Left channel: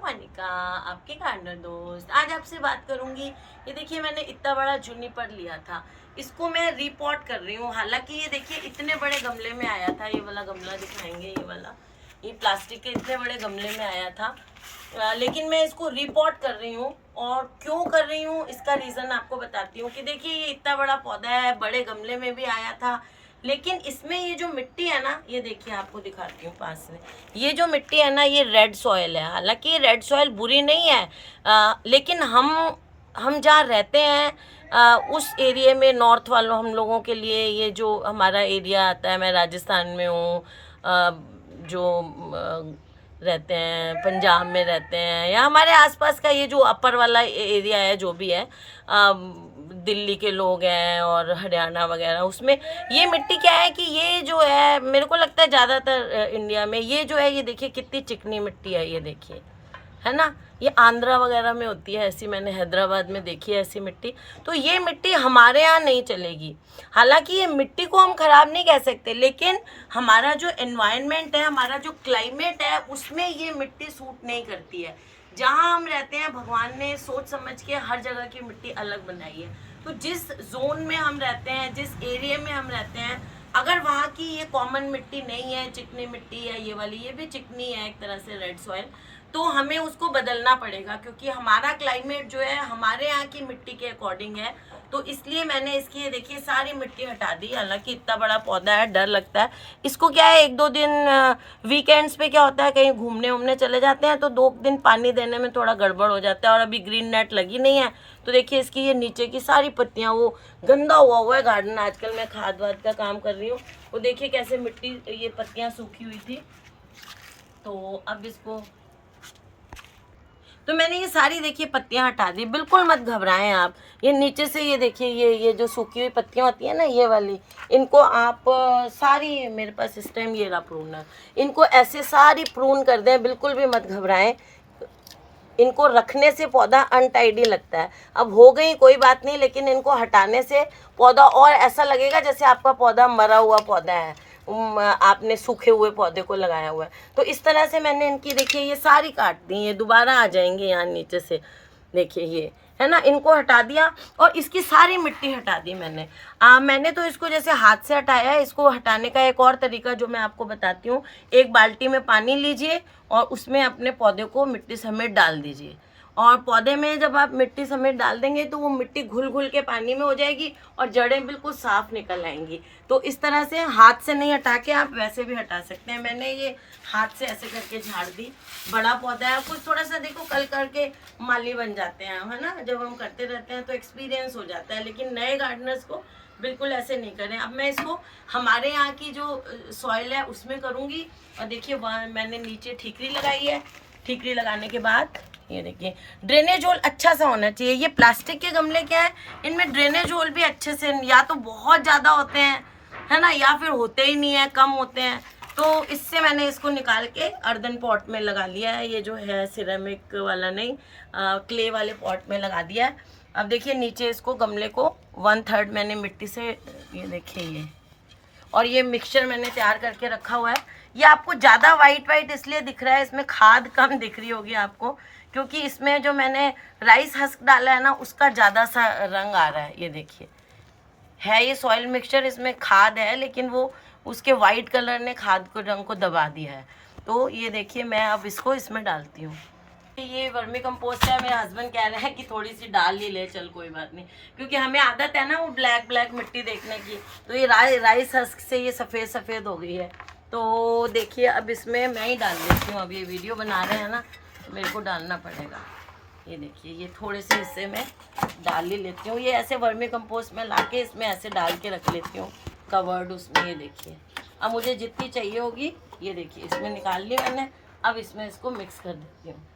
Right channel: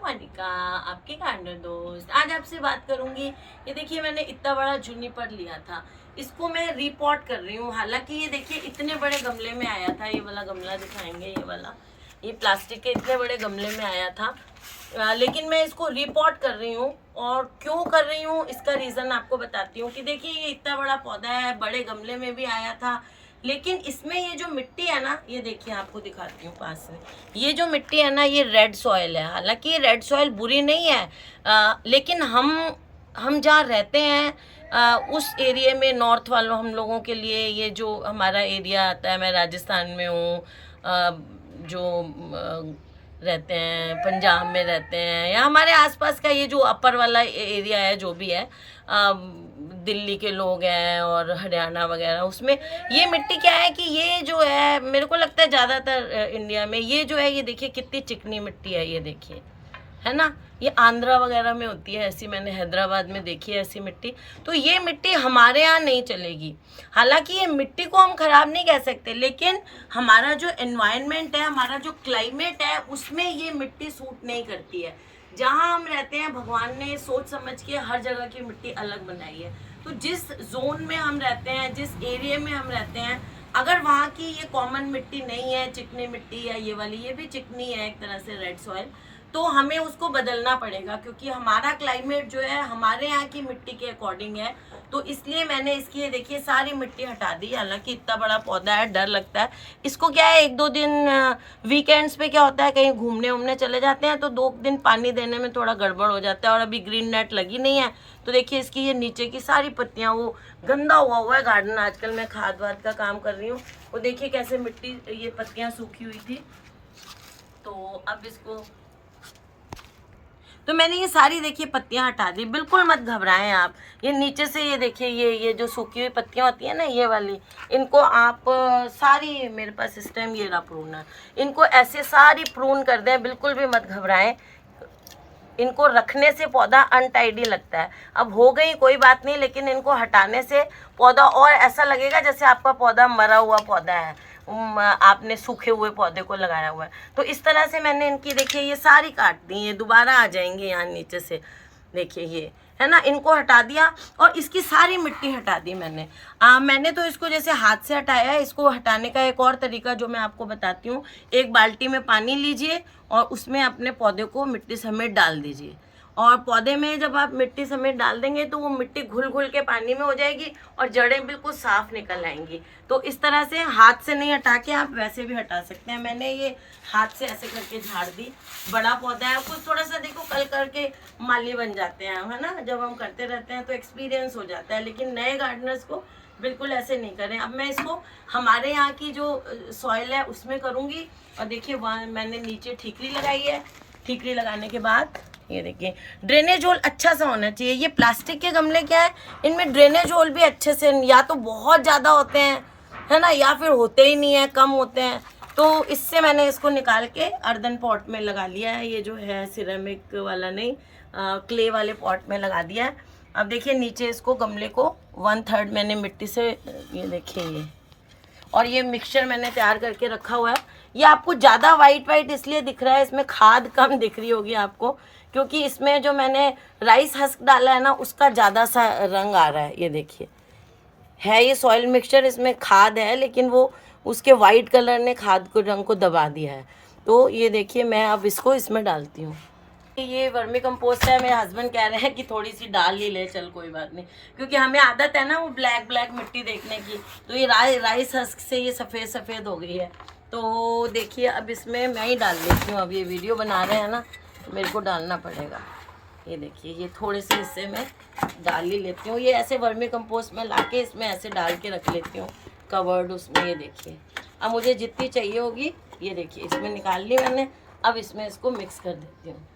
मोनिका, आपके गार्डनर दोस्त। आज आपसे बात करूंगी। ये देखिए, मैंने इतना बड़ा जूनिपर लिया था, इसको मैं रीपॉट कर रही हूँ। हालांकि ये देखिए इतने बड़े गमले में आया था। ये वाला गमला दिखाएंगे, ये वाला, ये प्लास्टिक के इतने बड़े गमले में आया था। लेकिन मैं इसको रिपोर्ट कर रही हूँ। और क्यों कर रही हूँ इसका रीज़न आपको बताती हूँ कि देखिए ये इतना बड़ा पौधा है, बड़े गमले में भी आया था, लेकिन इसमें ये जो मिट्टी है ना, ये देखिए आपको दिखाती हूँ पास में। ये जो मिट्टी है ना, ये रेड सॉयल है। हालांकि ये रेड सॉयल बुरी नहीं है, लेकिन हम जहाँ रहते हैं उस एरिया में, नॉर्थ वालों हम लोगों के लिए ये जो हमारा एरिया आता है, मैं राजस्थान में हूँ, जो रहते हैं पंजाब में रहते हैं, या हमारे आसपास का ये जो अपर वाला एरिया है, जो भी है, दिल्ली के लोग हैं और हरियाणा वगैरह, उसमें ये मिट्टी क्या है कि ये जो है, मेरे को लगता है ज़्यादातर इंडिया में ये जो है, ये देखिए कितनी चिकनी मिट्टी है, ये देखिए, है ना। ये आंध्रा वगैरह में होती है ऐसी, मैंने हैदराबाद में देखी है ऐसी मिट्टी। तो ये मिट्टी हमारे यहाँ नहीं चलेगी। हालांकि ये मिट्टी को हम खराब नहीं कह सकते, लेकिन हमारा जो एनवायरनमेंट है, हमारा जो क्लाइमेट है, उसमें ये मिट्टी सूट नहीं करती है। जहाँ हम रहते हैं, भगवान ने सोच समझ के हर जगह की मिट्टी अलग बनाई है। तो जिस जोन में हम रहते हैं, जिस एरिया में हम रहते हैं, अगर वहाँ की ये कॉमन मिट्टी नहीं है, चिकनी मिट्टी है, ये वाली, ये भी चिकनी है एक तरह से, रेड सॉइल, तो हमें उसको बदलना पड़ेगा, क्योंकि हमारा क्लाइमेट जो है हमारे यहाँ की मिट्टी के अकॉर्डिंग है। तो इसलिए मैंने इसकी, ये देखिए, सारी मिट्टी हटा दी। हालांकि इतना बड़ा पौधा है, डर लगता है इसको। क्या है, एक दो दिन वीकेंड्स पे क्या होता है, कहीं घूमने उमने चले जाते हैं, तो 2 दिन पानी देने में थोड़ा गड़बड़ हो जाता है। और अभी ग्रीन नेट लगी नहीं है, तो देखिए इसकी ये नीचे की सारी पत्तियां, वो गंदा हुआ है गार्डन। आजकल मैं खाद वाद का काम कर रही हूँ, वो देखिए कैसे मिट्टी, ये पत्तियां सूखी हुई थी। तो अब इसको, तो मैंने ये सारी देखिए पत्तियां हटा दी। बिल्कुल मत घबराएं आप। ये नीचे से ये देखिए, ये जो सूखी हुई पत्तियां होती है ना, ये वाली, इनको आप सारी, मेरे पास इस टाइम ये रहा प्रूनर, इनको ऐसे सारी प्रून कर दें। बिल्कुल भी मत घबराएं। इनको रखने से पौधा अनटाइडी लगता है। अब हो गई कोई बात नहीं, लेकिन इनको हटाने से पौधा और ऐसा लगेगा जैसे आपका पौधा मरा हुआ पौधा है, आपने सूखे हुए पौधे को लगाया हुआ है। तो इस तरह से मैंने इनकी, देखिए, ये सारी काट दी। ये दोबारा आ जाएंगे यहाँ नीचे से, देखिए ये है ना, इनको हटा दिया। और इसकी सारी मिट्टी हटा दी मैंने तो इसको जैसे हाथ से हटाया है। इसको हटाने का एक और तरीका जो मैं आपको बताती हूँ, एक बाल्टी में पानी लीजिए और उसमें अपने पौधे को मिट्टी समेत डाल दीजिए। और पौधे में जब आप मिट्टी समेत डाल देंगे, तो वो मिट्टी घुल घुल के पानी में हो जाएगी और जड़ें बिल्कुल साफ निकल आएंगी। तो इस तरह से हाथ से नहीं हटा के आप वैसे भी हटा सकते हैं। मैंने ये हाथ से ऐसे करके झाड़ दी। बड़ा पौधा है, कुछ थोड़ा सा देखो, कल करके माली बन जाते हैं, है ना। जब हम करते रहते हैं तो एक्सपीरियंस हो जाता है, लेकिन नए गार्डनर्स को बिल्कुल ऐसे नहीं करें। अब मैं इसको हमारे यहाँ की जो सॉइल है उसमें करूँगी। और देखिए, वहाँ मैंने नीचे ठीकरी लगाई है। ठीकरी लगाने के बाद ये देखिए, ड्रेनेज होल अच्छा सा होना चाहिए। ये प्लास्टिक के गमले क्या है, इनमें ड्रेनेज होल भी अच्छे से, या तो बहुत ज़्यादा होते हैं, है ना, या फिर होते ही नहीं है, कम होते हैं। तो इससे मैंने इसको निकाल के अर्दन पॉट में लगा लिया है। ये जो है सिरेमिक वाला नहीं, क्ले वाले पॉट में लगा दिया है। अब देखिए नीचे इसको, गमले को 1/3 मैंने मिट्टी से, ये देखिए ये, और ये मिक्सचर मैंने तैयार करके रखा हुआ है। ये आपको ज़्यादा वाइट वाइट इसलिए दिख रहा है, इसमें खाद कम दिख रही होगी आपको, क्योंकि इसमें जो मैंने राइस हस्क डाला है ना, उसका ज़्यादा सा रंग आ रहा है। ये देखिए, है ये सॉइल मिक्सचर, इसमें खाद है, लेकिन वो उसके वाइट कलर ने खाद को, रंग को दबा दिया है। तो ये देखिए, मैं अब इसको इसमें डालती हूँ। ये वर्मी कंपोस्ट है। मेरे हस्बैंड कह रहे हैं कि थोड़ी सी डाल ही ले, चल कोई बात नहीं, क्योंकि हमें आदत है ना वो ब्लैक ब्लैक मिट्टी देखने की। तो ये राइस हस्क से ये सफ़ेद सफ़ेद हो गई है। तो देखिए, अब इसमें मैं ही डाल लेती हूँ। अब ये वीडियो बना रहे हैं ना, तो मेरे को डालना पड़ेगा। ये देखिए, ये थोड़े से हिस्से में डाल ही लेती हूँ। ये ऐसे वर्मी कंपोस्ट में ला के इसमें ऐसे डाल के रख लेती हूँ, कवर्ड उसमें। ये देखिए, अब मुझे जितनी चाहिए होगी, ये देखिए, इसमें निकाल ली मैंने। अब इसमें इसको मिक्स कर देती हूँ।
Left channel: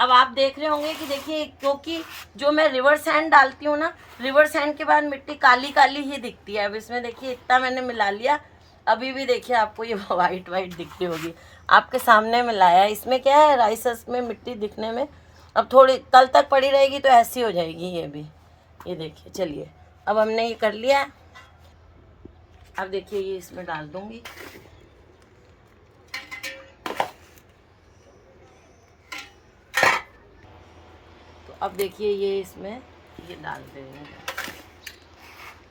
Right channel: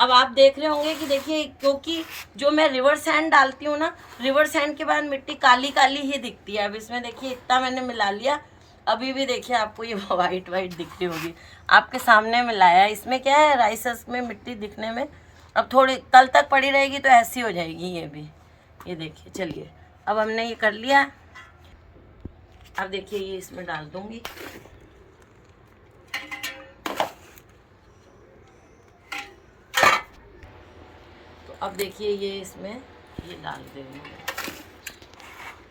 अब आप देख रहे होंगे कि देखिए, क्योंकि जो मैं रिवर सैंड डालती हूँ ना, रिवर सैंड के बाद मिट्टी काली काली ही दिखती है। अब इसमें देखिए इतना मैंने मिला लिया, अभी भी देखिए आपको ये वाइट वाइट दिखती होगी। आपके सामने मिलाया। इसमें क्या है, राइस में मिट्टी दिखने में, अब थोड़ी कल तक पड़ी रहेगी तो ऐसी हो जाएगी ये भी। ये देखिए, चलिए, अब हमने ये कर लिया है। अब देखिए, ये इसमें डाल दूंगी। तो अब देखिए ये इसमें ये डाल दे रही हूँ।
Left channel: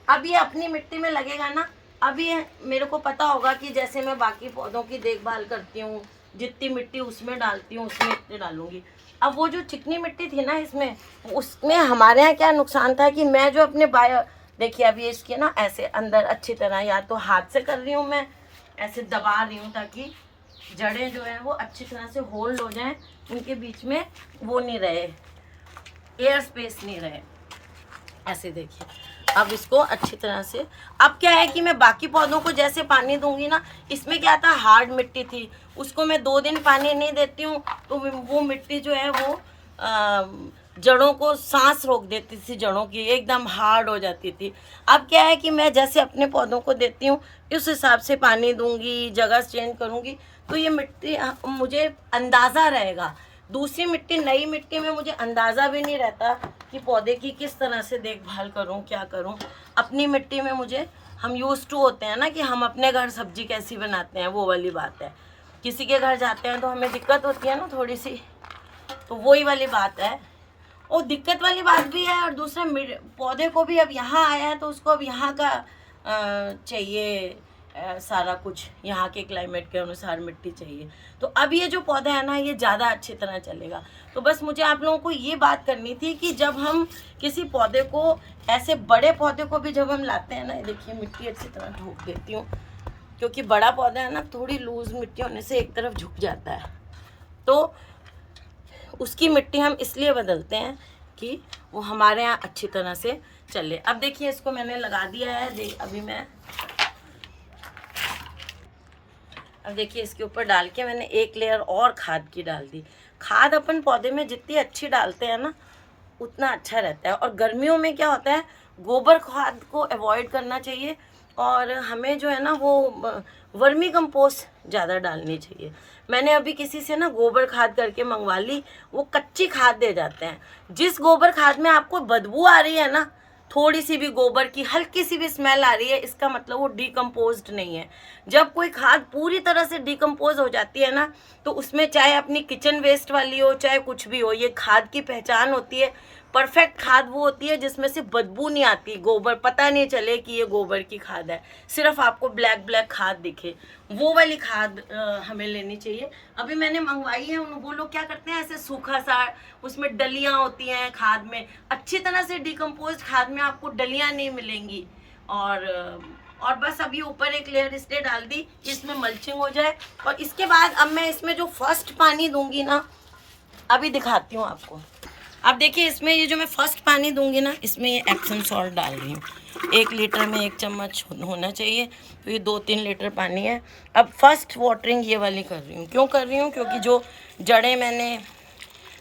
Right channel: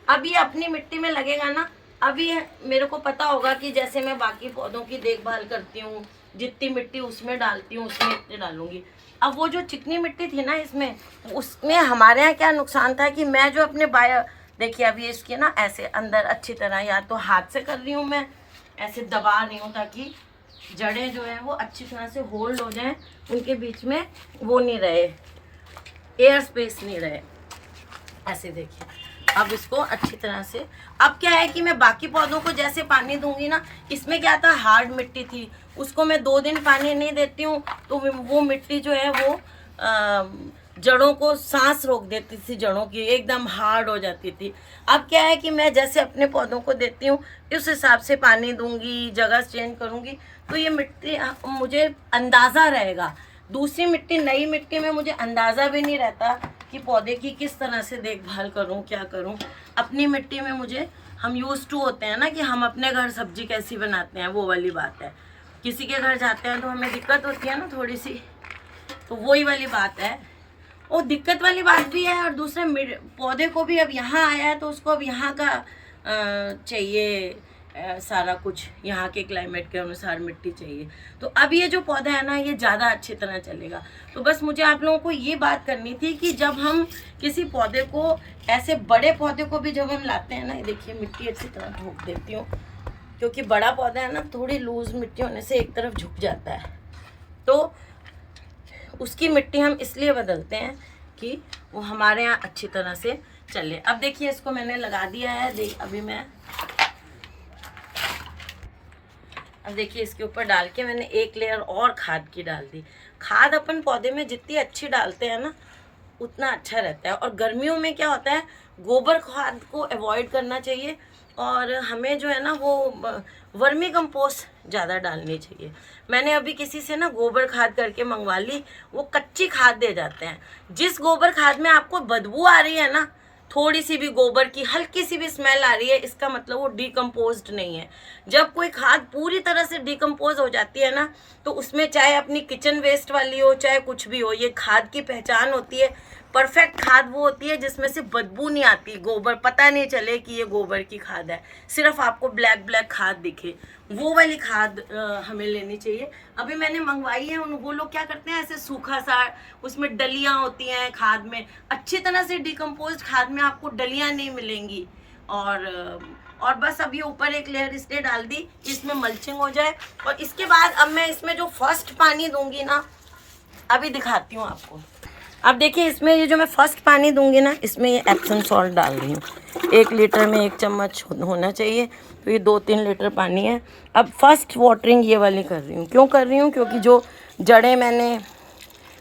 अब ये अपनी मिट्टी में लगेगा ना। अभी मेरे को पता होगा कि जैसे मैं बाकी पौधों की देखभाल करती हूँ, जितनी मिट्टी उसमें डालती हूँ उसमें इतनी डालूंगी। अब वो जो चिकनी मिट्टी थी ना इसमें, उसमें हमारे यहाँ क्या नुकसान था कि मैं जो अपने देखिए अभी इसके ना ऐसे अंदर अच्छी तरह या तो हाथ से कर रही हूँ, मैं ऐसे दबा रही हूँ ताकि जड़ें जो है वो अच्छी तरह से होल्ड हो जाएं, उनके बीच में वो नहीं रहे, एयर स्पेस नहीं रहे। ऐसे देखिए अब इसको अच्छी तरह से। अब क्या है कि मैं बाकी पौधों को जैसे पानी दूंगी ना, इसमें क्या था हार्ड मिट्टी थी, उसको मैं 2 दिन पानी नहीं देती हूँ तो वो मिट्टी जो है वो जड़ों को सांस रोक देती थी, जड़ों की एकदम हार्ड हो जाती थी। अब क्या है कि मैं जैसे अपने पौधों को देती हूँ उस हिसाब से पानी दूंगी, जगह चेंज करूँगी, तो ये मिट्टी मुझे अंदाज़ा रहेगा। दूसरी मिट्टी, नई मिट्टी में मुझे अंदाज़ा भी नहीं रहता कि पौधे की किस तरह से देखभाल करूं, क्या करूं। अपनी मिट्टी में मुझे, हम यूज़ टू होते हैं ना कि हम अपने घर सब्जी कैसी बनाते हैं, वो वाली बात है। किसी के घर जाते हैं तो हमें दिक्कत होती है ना थोड़ी सी, तो वही वाली बात है। और दिक्कत वाली बात भी है, और दूसरा पौधे को भी अब यहाँ आया है तो उसको अब यहाँ का चाहिए, सारा कुछ यहाँ के क्लाइमेट के अनुसार मिट्टी चाहिए। तो अब ये जो पौधा है ना ये ज़्यादा अच्छी तरह चलेगा। तो बस मुझे आप लोगों को ये बात करनी थी कि जब हम किसी पौधे को, ऐसे बड़े पौधे को भी जब हम लाते हैं ना, ये देखिए मिट्टी अच्छी तरह ठोक देती हूँ क्योंकि बड़ा पौधा है ना, थोड़ी लूज मिट्टी होने से एक तरफ झुक जाता है, तो उसकी मिट्टी हम इसलिए बदलते हैं कि वो हमारे यहाँ अच्छी तरह से चले। अब देखिए इसको मैंने लगा दिया है, अब देखिए इसके ऊपर डाल के मैंने एक लेयर और खाद की डाल दी। खाद अपन पौधे में जितनी अच्छी डालते हैं ना उतना अच्छा रहता है। और गर्मियों में क्या होता है, गोबर खाद को अवॉइड करना चाहिए, और हमें जो है ना वो वर्मी कंपोस्ट ज़्यादा डालनी चाहिए। मैंने अभी किसी से ना गोबर खाद करके मंगवा ली, वो कच्ची खाद दे जाते हैं। जिस गोबर खाद में आपको बदबू आ रही है ना, थोड़ी सी भी गोबर की हल्की सी भी स्मेल आ रही है, इसका मतलब वो डिकम्पोज्ड नहीं है। जब कोई खाद पूरी तरह से डिकम्पोज हो जाती है ना, तो उसमें चाहे अपनी किचन वेस्ट वाली हो चाहे कुछ भी हो, ये खाद की पहचान होती है। परफेक्ट खाद वो होती है जिसमें से बदबू नहीं आती, गोबर पता नहीं चले कि ये गोबर की खाद है, सिर्फ आपको ब्लैक ब्लैक खाद दिखे, वो वाली खाद हमें लेनी चाहिए। अभी मैंने मंगवाई है, वो लोग क्या करते हैं ऐसे सूखा सा, उसमें डलियां होती हैं खाद में, अच्छी तरह से डिकम्पोज खाद में आपको डलियां नहीं मिलेंगी। और बस अभी ऊपर एक लेयर इसलिए डाल दी कि इसमें मल्चिंग हो जाए। और इसके बाद अब मैं इसमें जो फर्स्ट पानी दूंगी ना, अभी दिखाती हूँ आपको। अब देखिए इसमें ये जो मैं फर्स्ट पानी दूंगी ना, इसमें ये एप्सम सॉल्ट डाल रही हूँ। 1 लीटर में 1 चम्मच होना चाहिए, तो ये 2-3 लीटर पानी है। अब फर्स्ट वाटरिंग ये वाली कर रही हूँ। क्यों कर रही हूँ? क्योंकि जो जड़ें मैंने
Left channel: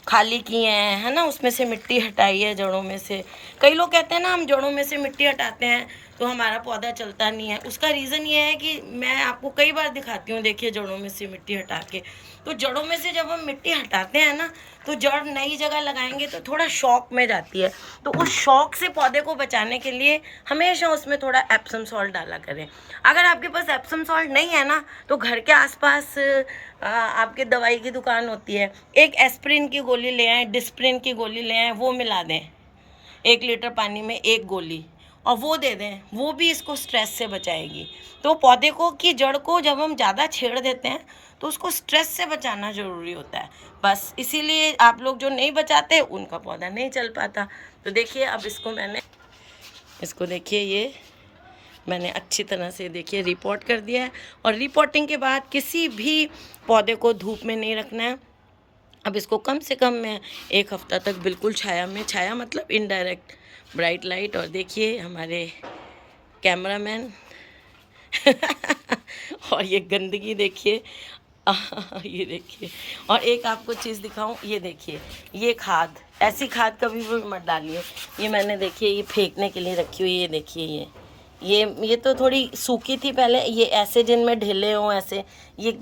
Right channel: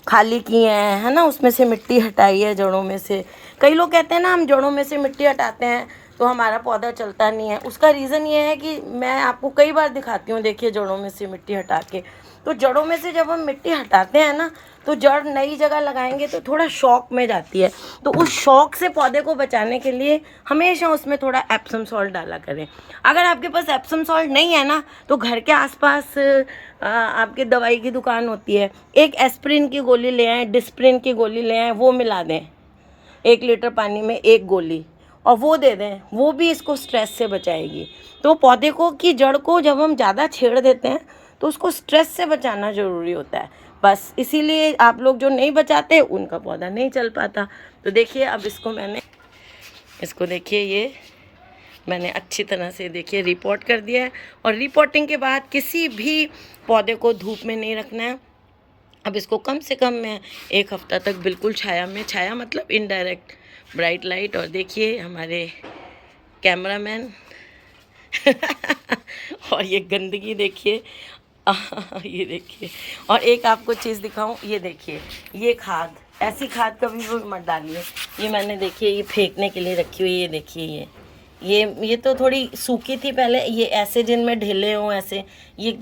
खाली की हैं, है ना, उसमें से मिट्टी हटाई है जड़ों में से। कई लोग कहते हैं ना हम जड़ों में से मिट्टी हटाते हैं तो हमारा पौधा चलता नहीं है। उसका रीज़न ये है कि मैं आपको कई बार दिखाती हूँ, देखिए जड़ों में से मिट्टी हटा के, तो जड़ों में से जब हम मिट्टी हटाते हैं ना, तो जड़ नई जगह लगाएंगे तो थोड़ा शॉक में जाती है। तो उस शॉक से पौधे को बचाने के लिए हमेशा उसमें थोड़ा एप्सम सॉल्ट डाला करें। अगर आपके पास एप्सम सॉल्ट नहीं है ना, तो घर के आसपास आपके दवाई की दुकान होती है, एक एस्प्रिन की गोली ले आएँ, डिस्प्रिन की गोली ले आएँ, वो मिला दें 1 लीटर पानी में 1 गोली, और वो दे दें, वो भी इसको स्ट्रेस से बचाएगी। तो पौधे को की जड़ को जब हम ज़्यादा छेड़ देते हैं तो उसको स्ट्रेस से बचाना ज़रूरी होता है। बस इसीलिए आप लोग जो नहीं बचाते उनका पौधा नहीं चल पाता। तो देखिए अब इसको देखिए, ये मैंने अच्छी तरह से देखिए रिपोर्ट कर दिया है। और रिपोर्टिंग के बाद किसी भी पौधे को धूप में नहीं रखना है। अब इसको कम से कम मैं 1 हफ्ता तक बिल्कुल छाया में, छाया मतलब इनडायरेक्ट ब्राइट लाइट। और देखिए हमारे कैमरामैन और ये गंदगी देखिए, ये देखिए। और एक आपको चीज़ दिखाऊं, ये देखिए, ये खाद, ऐसी खाद कभी भी मत डालिए। ये मैंने देखिए ये फेंकने के लिए रखी हुई, ये देखिए ये तो थोड़ी सूखी थी पहले, ये ऐसे जिनमें ढीले हों ऐसे, ये